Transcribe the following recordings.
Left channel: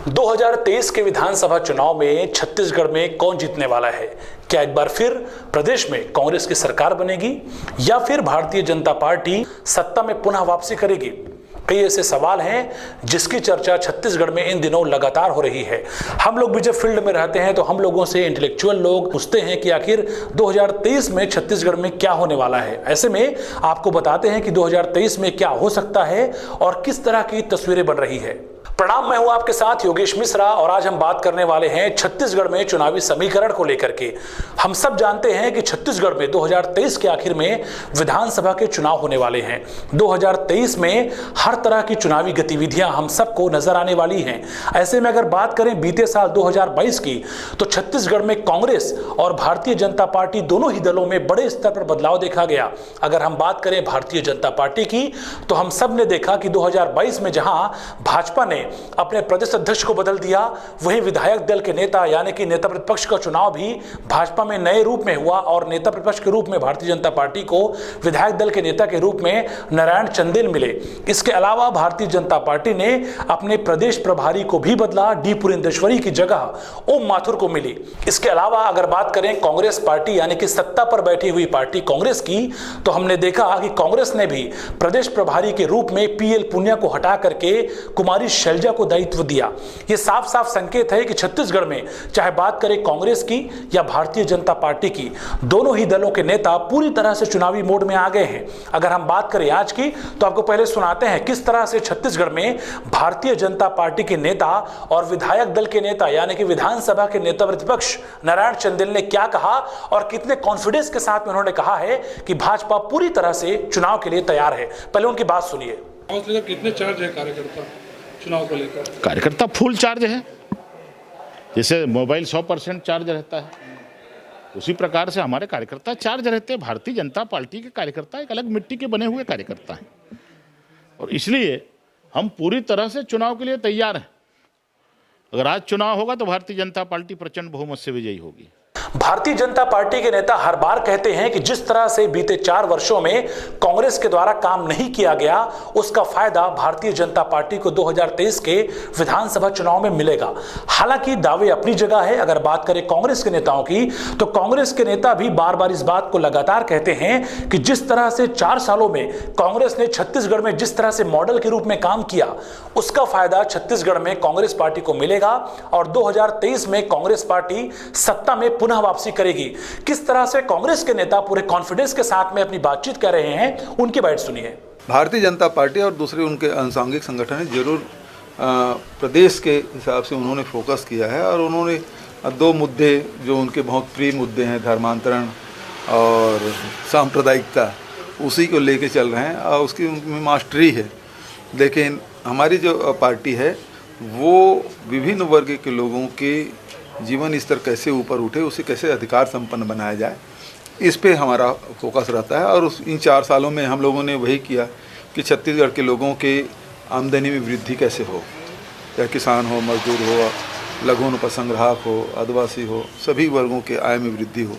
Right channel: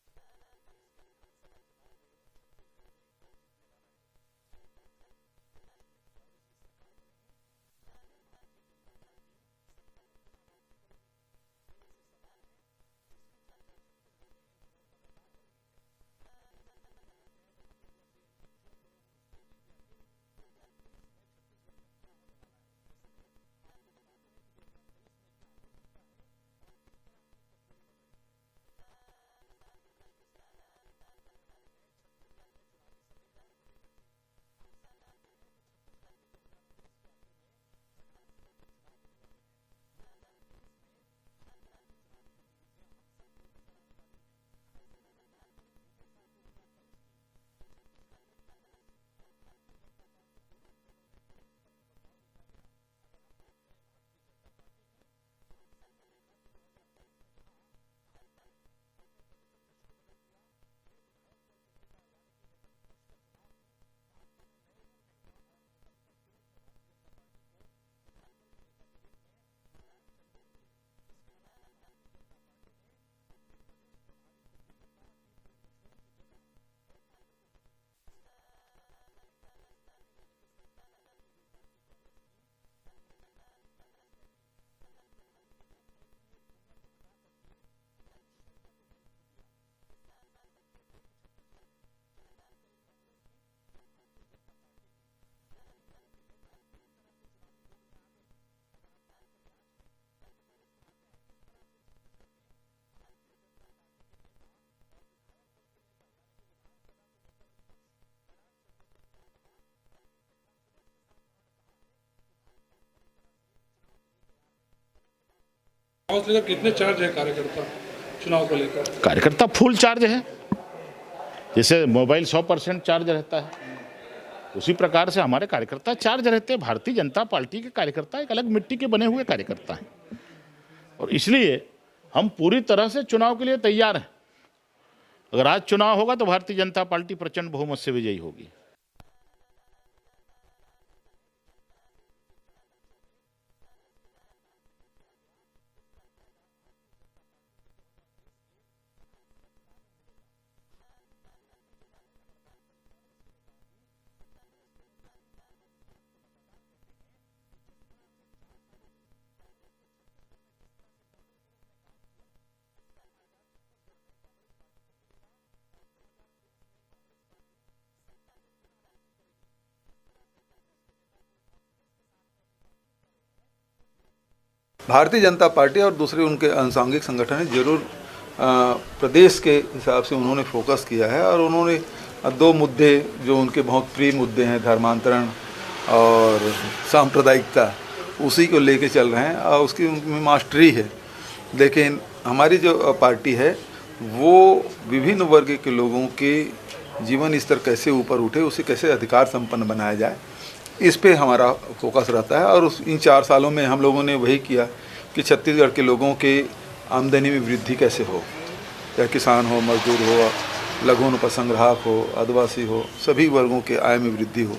2023 के विधानसभा चुनाव में छत्तीसगढ़ में कौन जीतने वाला है? क्या एक बार फिर प्रदेश में कांग्रेस की सरकार बनेगी या फिर भारतीय जनता पार्टी सत्ता में पुनः वापसी करेगी? कई ऐसे सवाल हैं जिसकी चर्चा छत्तीसगढ़ में इन दिनों लगातार हो रही है। हम लोग भी जब फील्ड में रहते हैं तो हम लोगों से इंटेलेक्चुअल लोग पूछते हैं कि आखिर 2023 में छत्तीसगढ़ में क्या होने वाला है। ऐसे में आपको बताते हैं कि 2023 में क्या हो सकता है और किस तरह की तस्वीरें बन रही है। प्रणाम, मैं हूं आपके साथ योगेश मिश्रा और आज हम बात करने वाले हैं छत्तीसगढ़ में चुनावी समीकरण को लेकर के। हम सब जानते हैं कि छत्तीसगढ़ में 2023 के आखिर में विधानसभा के चुनाव होने वाले हैं। 2023 में हर तरह की चुनावी गतिविधियां हम सबको नजर आने वाली हैं। ऐसे में अगर बात करें बीते साल 2022 की, तो छत्तीसगढ़ में कांग्रेस और भारतीय जनता पार्टी दोनों ही दलों में बड़े स्तर पर बदलाव देखा गया। अगर हम बात करें भारतीय जनता पार्टी की, तो हम सब ने देखा कि 2022 में जहां भाजपा ने अपने प्रदेश अध्यक्ष को बदल दिया, वहीं विधायक दल के नेता यानी कि नेता प्रतिपक्ष का चुनाव भी भाजपा में नए रूप में हुआ और नेता प्रतिपक्ष के रूप में भारतीय जनता पार्टी को विधायक दल के नेता के रूप में नारायण चंदेल मिले। इसके अलावा भारतीय जनता पार्टी ने अपने प्रदेश प्रभारी को भी बदला, डी पुरेंदेश्वरी की जगह ओम माथुर को मिली। इसके अलावा अगर बात करें कांग्रेस पार्टी यानी कि सत्ता पर बैठी हुई पार्टी कांग्रेस की, तो हमने देखा कि कांग्रेस ने भी प्रदेश प्रभारी के रूप में पीएल पुनिया को हटा करके कुमारी शैलजा को दायित्व दिया। यह साफ साफ संकेत है कि छत्तीसगढ़ में चाहे बात करें कांग्रेस की या भारतीय जनता पार्टी की, दोनों ही दलों के नेता पूरी तरह से चुनावी मोड में आ गए हैं। अगर हम बात करें आज की, तो आपको पहले सुनाते हैं किस तरह से छत्तीसगढ़ में भारतीय जनता पार्टी के नेता और विधायक दल के नेता यानी कि विधानसभा के नेता प्रतिपक्ष नारायण चंदेल ने क्या कहा और कितने कॉन्फिडेंस के साथ में उन्होंने कहा है कि भाजपा पूरी तरह से चुनाव के लिए तैयार है। पहले उनकी बात सुनिए। कितने चार्ज है कार्यकर्ता चुनाव को लेकर? कार्यकर्ता फुल चार्ज है। जैसे मोबाइल 100% चार्ज रहता है, उसी प्रकार से हमारे कार्यकर्ता चार्ज रहते हैं। भारतीय जनता पार्टी के कार्यकर्ता एक अलग मिट्टी के बने हुए कार्यकर्ता हैं और इसलिए हम पूरी तरह से चुनाव के लिए तैयार हैं। अगर आज चुनाव होगा तो भारतीय जनता पार्टी प्रचंड बहुमत से विजयी होगी। भारतीय जनता पार्टी के नेता हर बार कहते हैं कि जिस तरह से बीते 4 वर्षों में कांग्रेस के द्वारा काम नहीं किया गया, उसका फायदा भारतीय जनता पार्टी को 2023 के विधानसभा चुनाव में मिलेगा। हालांकि दावे अपनी जगह है। अगर बात करें कांग्रेस के नेताओं की, तो कांग्रेस के नेता भी बार बार इस बात को लगातार कहते हैं कि जिस तरह से 4 सालों में कांग्रेस ने छत्तीसगढ़ में जिस तरह से मॉडल के रूप में काम किया, उसका फायदा छत्तीसगढ़ में कांग्रेस पार्टी को मिलेगा और 2023 में कांग्रेस पार्टी सत्ता में पुनः वापसी करेगी। किस तरह से कांग्रेस के नेता पूरे कॉन्फिडेंस के साथ में अपनी बातचीत कर रहे हैं, उनकी बात सुनिए। भारतीय जनता पार्टी और दूसरे उनके अनुसांगिक संगठन जरूर प्रदेश के हिसाब से उन्होंने फोकस किया है और उन्होंने 2 मुद्दे जो उनके बहुत प्रिय मुद्दे हैं, धर्मांतरण और सांप्रदायिकता, उसी को लेके चल रहे हैं और उसकी उनमें मास्टरी है। लेकिन हमारी जो पार्टी है वो विभिन्न वर्ग के लोगों के जीवन स्तर कैसे ऊपर उठे, उसे कैसे अधिकार संपन्न बनाया जाए, इस पे हमारा फोकस रहता है। और इन 4 सालों में हम लोगों ने वही किया कि छत्तीसगढ़ के लोगों के आमदनी में वृद्धि कैसे हो, चाहे किसान हो, मजदूर हो, लघु उपसंग्राहक हो, आदिवासी हो, सभी वर्गों के आय में वृद्धि हो,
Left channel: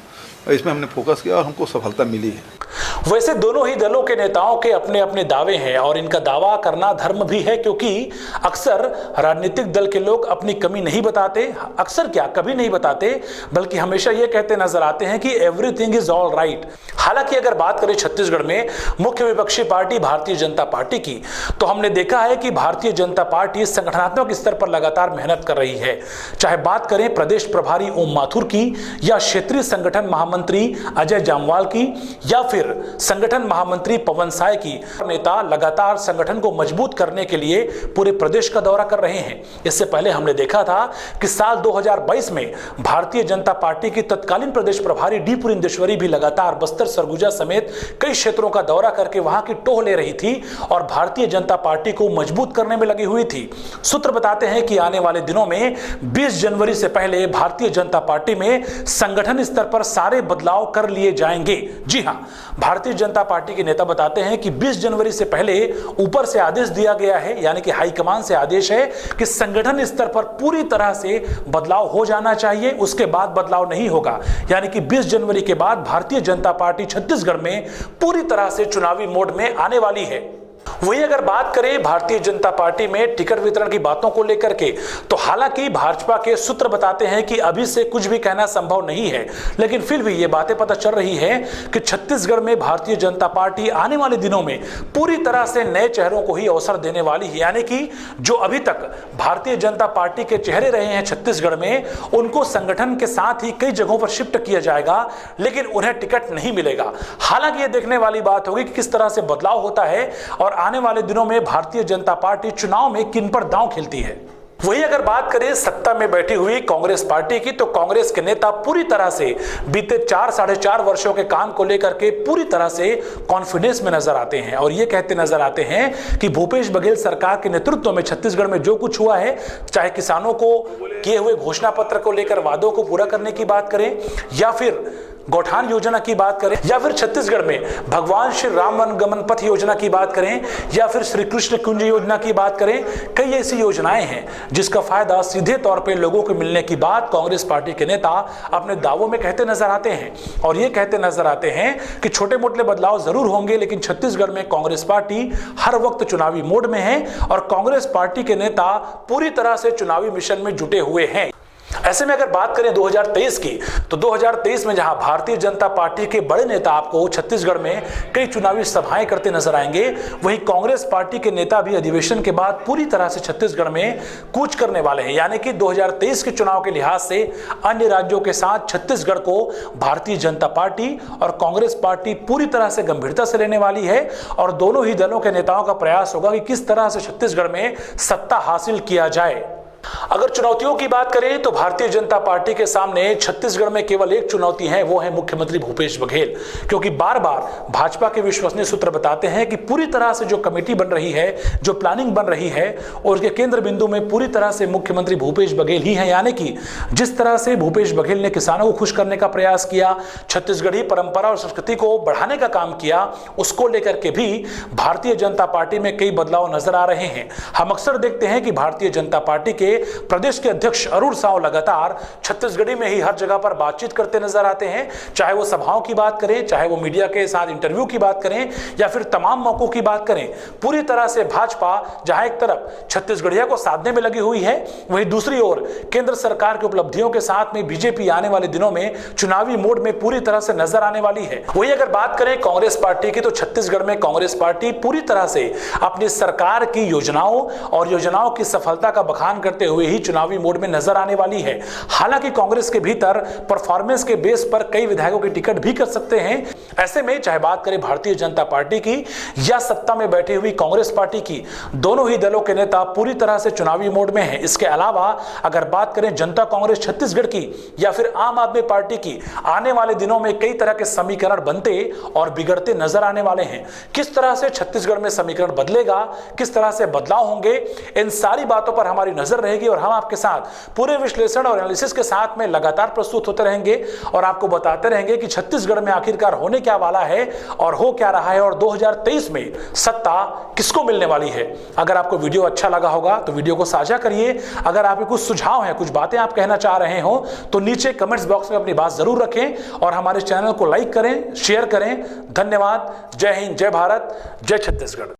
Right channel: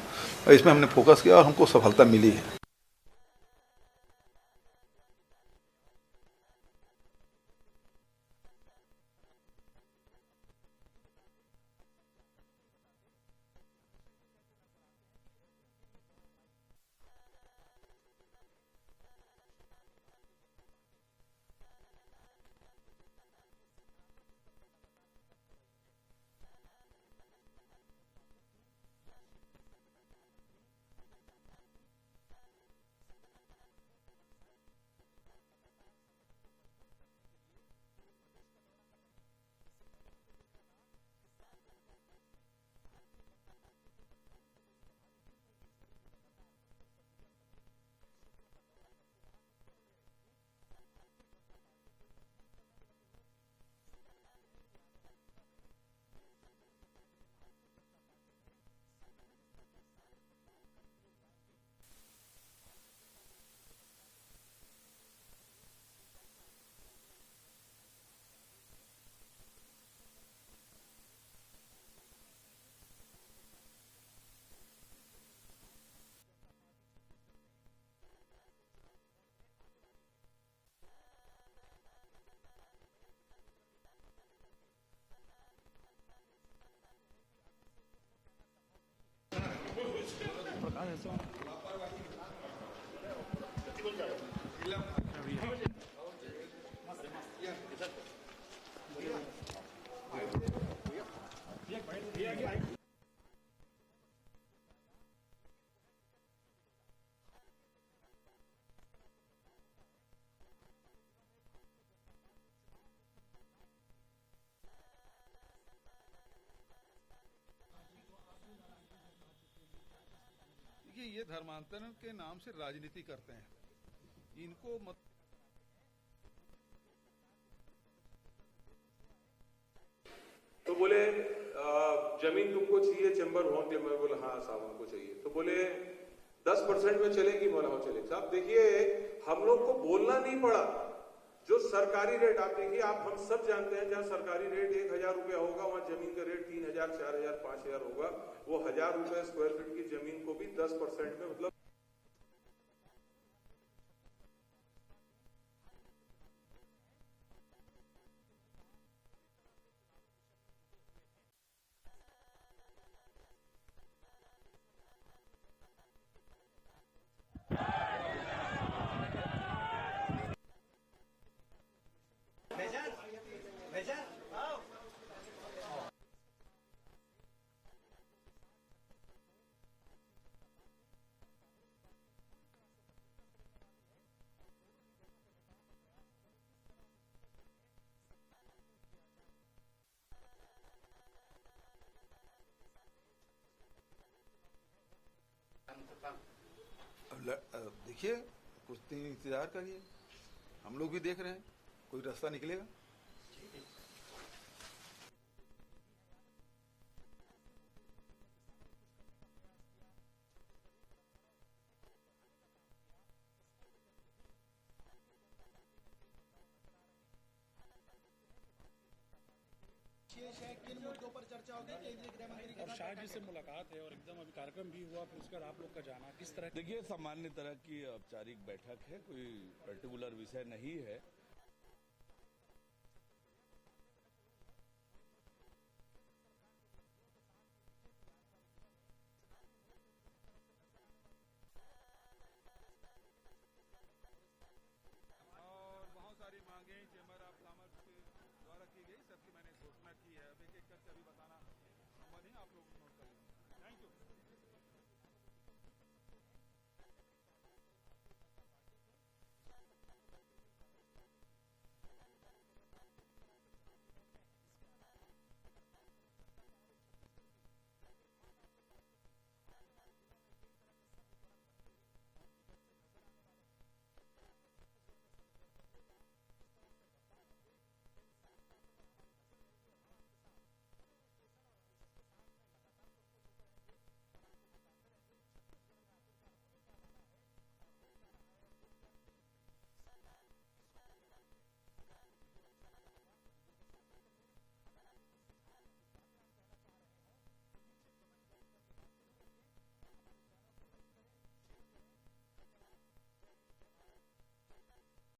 और इसमें हमने फोकस किया और हमको सफलता मिली है। वैसे दोनों ही दलों के नेताओं के अपने अपने दावे हैं और इनका दावा करना धर्म भी है, क्योंकि अक्सर राजनीतिक दल के लोग अपनी कमी नहीं बताते, अक्सर क्या कभी नहीं बताते, बल्कि हमेशा ये कहते नजर आते हैं कि एवरीथिंग इज ऑल राइट। हालांकि अगर बात करें छत्तीसगढ़ में मुख्य विपक्षी पार्टी भारतीय जनता पार्टी की, तो हमने देखा है कि भारतीय जनता पार्टी संगठनात्मक स्तर पर लगातार मेहनत कर रही है। चाहे बात करें प्रदेश प्रभारी ओम माथुर की या क्षेत्रीय संगठन महामंत्री अजय जामवाल की या फिर संगठन महामंत्री पवन साय की, नेता लगातार संगठन को मजबूत करने के लिए पूरे प्रदेश का दौरा कर रहे हैं। इससे पहले हमने देखा था कि साल 2022 में भारतीय जनता पार्टी की तत्कालीन प्रदेश प्रभारी डी पुरेंदेश्वरी भी लगातार बस्तर, सरगुजा समेत कई क्षेत्रों का दौरा करके वहां की टोह ले रही थी और भारतीय जनता पार्टी को मजबूत करने में लगी हुई थी। सूत्र बताते हैं कि आने वाले दिनों में 20 जनवरी से पहले भारतीय जनता पार्टी में संगठन स्तर पर सारे बदलाव कर लिए जाएंगे। जी हां, भारतीय जनता पार्टी के नेता बताते हैं कि 20 जनवरी से पहले ऊपर से आदेश दिया गया है, यानी कि हाईकमान से आदेश है कि संगठन स्तर पर पूरी तरह से बदलाव हो जाना चाहिए, उसके बाद बदलाव नहीं होगा। यानी कि 20 जनवरी के बाद भारतीय जनता पार्टी छत्तीसगढ़ में पूरी तरह से चुनावी मोड में आने वाली है। वही अगर बात करें भारतीय जनता पार्टी में टिकट वितरण की बातों को लेकर के, तो हालांकि भाजपा के सूत्र बताते हैं कि अभी से कुछ भी कहना संभव नहीं है, लेकिन फिर भी ये बातें पता चल रही है कि छत्तीसगढ़ में भारतीय जनता पार्टी आने वाले दिनों में पूरी तरह से नए चेहरों को ही अवसर देने वाली है। यानी कि जो अभी तक भारतीय जनता पार्टी के चेहरे रहे हैं छत्तीसगढ़ में, उनको संगठन के साथ ही कई जगहों पर शिफ्ट किया जाएगा, लेकिन उन्हें टिकट नहीं मिलेगा। हालांकि ये देखने वाली बात होगी कि किस तरह से बदलाव होता है और आने वाले दिनों में भारतीय जनता पार्टी चुनाव में किन पर दांव खेलती है। वही अगर बात करें सत्ता में बैठी हुई कांग्रेस पार्टी की, तो कांग्रेस के नेता पूरी तरह से बीते 4-4.5 वर्षों के काम को लेकर के पूरी तरह से कॉन्फिडेंस में नजर आते हैं और ये कहते नजर आते हैं कि भूपेश बघेल सरकार के नेतृत्व में छत्तीसगढ़ में जो कुछ हुआ है, चाहे किसानों को किए हुए घोषणा पत्र को लेकर वादों को पूरा करने की बात करें, या फिर गौठान योजना की बात करें, या फिर छत्तीसगढ़ में भगवान श्री राम वनगमन पथ योजना की बात करें, या फिर श्री कृष्ण कुंज योजना की बात करें, कई ऐसी योजनाएं हैं जिसका फायदा सीधे तौर पे लोगों को मिलने की बात कांग्रेस पार्टी के नेता अपने दावों में कहते नजर आते हैं। और ये कहते नजर आते हैं कि छोटे मोटे बदलाव जरूर होंगे, लेकिन छत्तीसगढ़ में कांग्रेस पार्टी हर वक्त चुनावी मोड में है और कांग्रेस पार्टी के नेता पूरी तरह से चुनावी मिशन में जुटे हुए हैं। ऐसे में अगर बात करें 2023 की, तो 2023 में जहां भारतीय जनता पार्टी के बड़े नेता आपको छत्तीसगढ़ में कई चुनावी सभाएं करते नजर आएंगे, वहीं कांग्रेस पार्टी के नेता भी अधिवेशन के बाद पूरी तरह से छत्तीसगढ़ में कूच करने वाले हैं। यानी कि 2023 के चुनाव के लिहाज से अन्य राज्यों के साथ छत्तीसगढ़ को भारतीय जनता पार्टी और कांग्रेस पार्टी पूरी तरह से गंभीरता से लेने वाली है और दोनों ही दलों के नेताओं का प्रयास होगा कि किस तरह से छत्तीसगढ़ में सत्ता हासिल किया जाए। अगर चुनौतियों की बात करें तो भारतीय जनता पार्टी के सामने छत्तीसगढ़ में केवल एक चुनौती है, वो है मुख्यमंत्री भूपेश बघेल। क्योंकि बार बार भाजपा के विश्वसनीय सूत्र बताते हैं कि पूरी तरह से जो कमेटी बन रही है, जो प्लानिंग बन रही है, और उसके केंद्र बिंदु में पूरी तरह से मुख्यमंत्री भूपेश बघेल ही है। यानी कि जिस तरह से भूपेश बघेल ने किसानों को खुश करने का प्रयास किया, छत्तीसगढ़ी परंपरा और संस्कृति को बढ़ाने का काम किया, उसको लेकर के भी भारतीय जनता पार्टी में कई बदलाव नजर आ रहे हैं। हम अक्सर देखते हैं कि भारतीय जनता पार्टी के प्रदेश के अध्यक्ष अरुण साव लगातार छत्तीसगढ़ी में ही हर जगह पर बातचीत करते नजर आते हैं, चाहे वो सभाओं की बात करें, चाहे वो मीडिया के साथ इंटरव्यू की बात करें, या फिर तमाम मौकों की बात करें। पूरी तरह से भाजपा जहां एक तरफ छत्तीसगढ़िया को साधने में लगी हुई है, वहीं दूसरी ओर केंद्र सरकार की उपलब्धियों के साथ में बीजेपी आने वाले दिनों में चुनावी मोड में पूरी तरह से नजर आने वाली है। वही अगर बात करें कांग्रेस पार्टी की, तो छत्तीसगढ़ में कांग्रेस पार्टी पूरी तरह से अपनी सरकार की योजनाओं और योजनाओं की सफलता का बखान करते हुए ही चुनावी मोड में नजर आने वाली है। हालांकि कांग्रेस के भीतर परफॉर्मेंस के बेस पर कई विधायकों की टिकट भी कर सकते हैं। ऐसे में चाहे बात करें भारतीय जनता पार्टी की या सत्ता में बैठी हुई कांग्रेस पार्टी की, दोनों ही दलों के नेता पूरी तरह से चुनावी मोड में हैं। इसके अलावा अगर बात करें जनता कांग्रेस छत्तीसगढ़ की या फिर आम आदमी पार्टी की, आने वाले दिनों में कई तरह के समीकरण बनते और बिगड़ते नजर आने वाले हैं। किस तरह से छत्तीसगढ़ में समीकरण बदलेगा, किस तरह से बदलाव होंगे, इन सारी बातों पर हमारी नजर रहेगी और हम आपके साथ पूरे विश्लेषण और एनालिसिस के साथ में लगातार प्रस्तुत होते रहेंगे और आपको बताते रहेंगे कि छत्तीसगढ़ में आखिरकार होने क्या वाला है और हो क्या रहा है और 2023 में सत्ता किसको मिलने वाली है। अगर आपको वीडियो अच्छा लगा होगा तो वीडियो को साझा करिए। अगर आपके कुछ सुझाव हैं, कुछ बातें आप कहना चाह रहे हो, तो नीचे कमेंट्स बॉक्स में अपनी बात जरूर रखें और हमारे चैनल को लाइक करें, शेयर करें। धन्यवाद। जय हिंद, जय भारत, जय छत्तीसगढ़।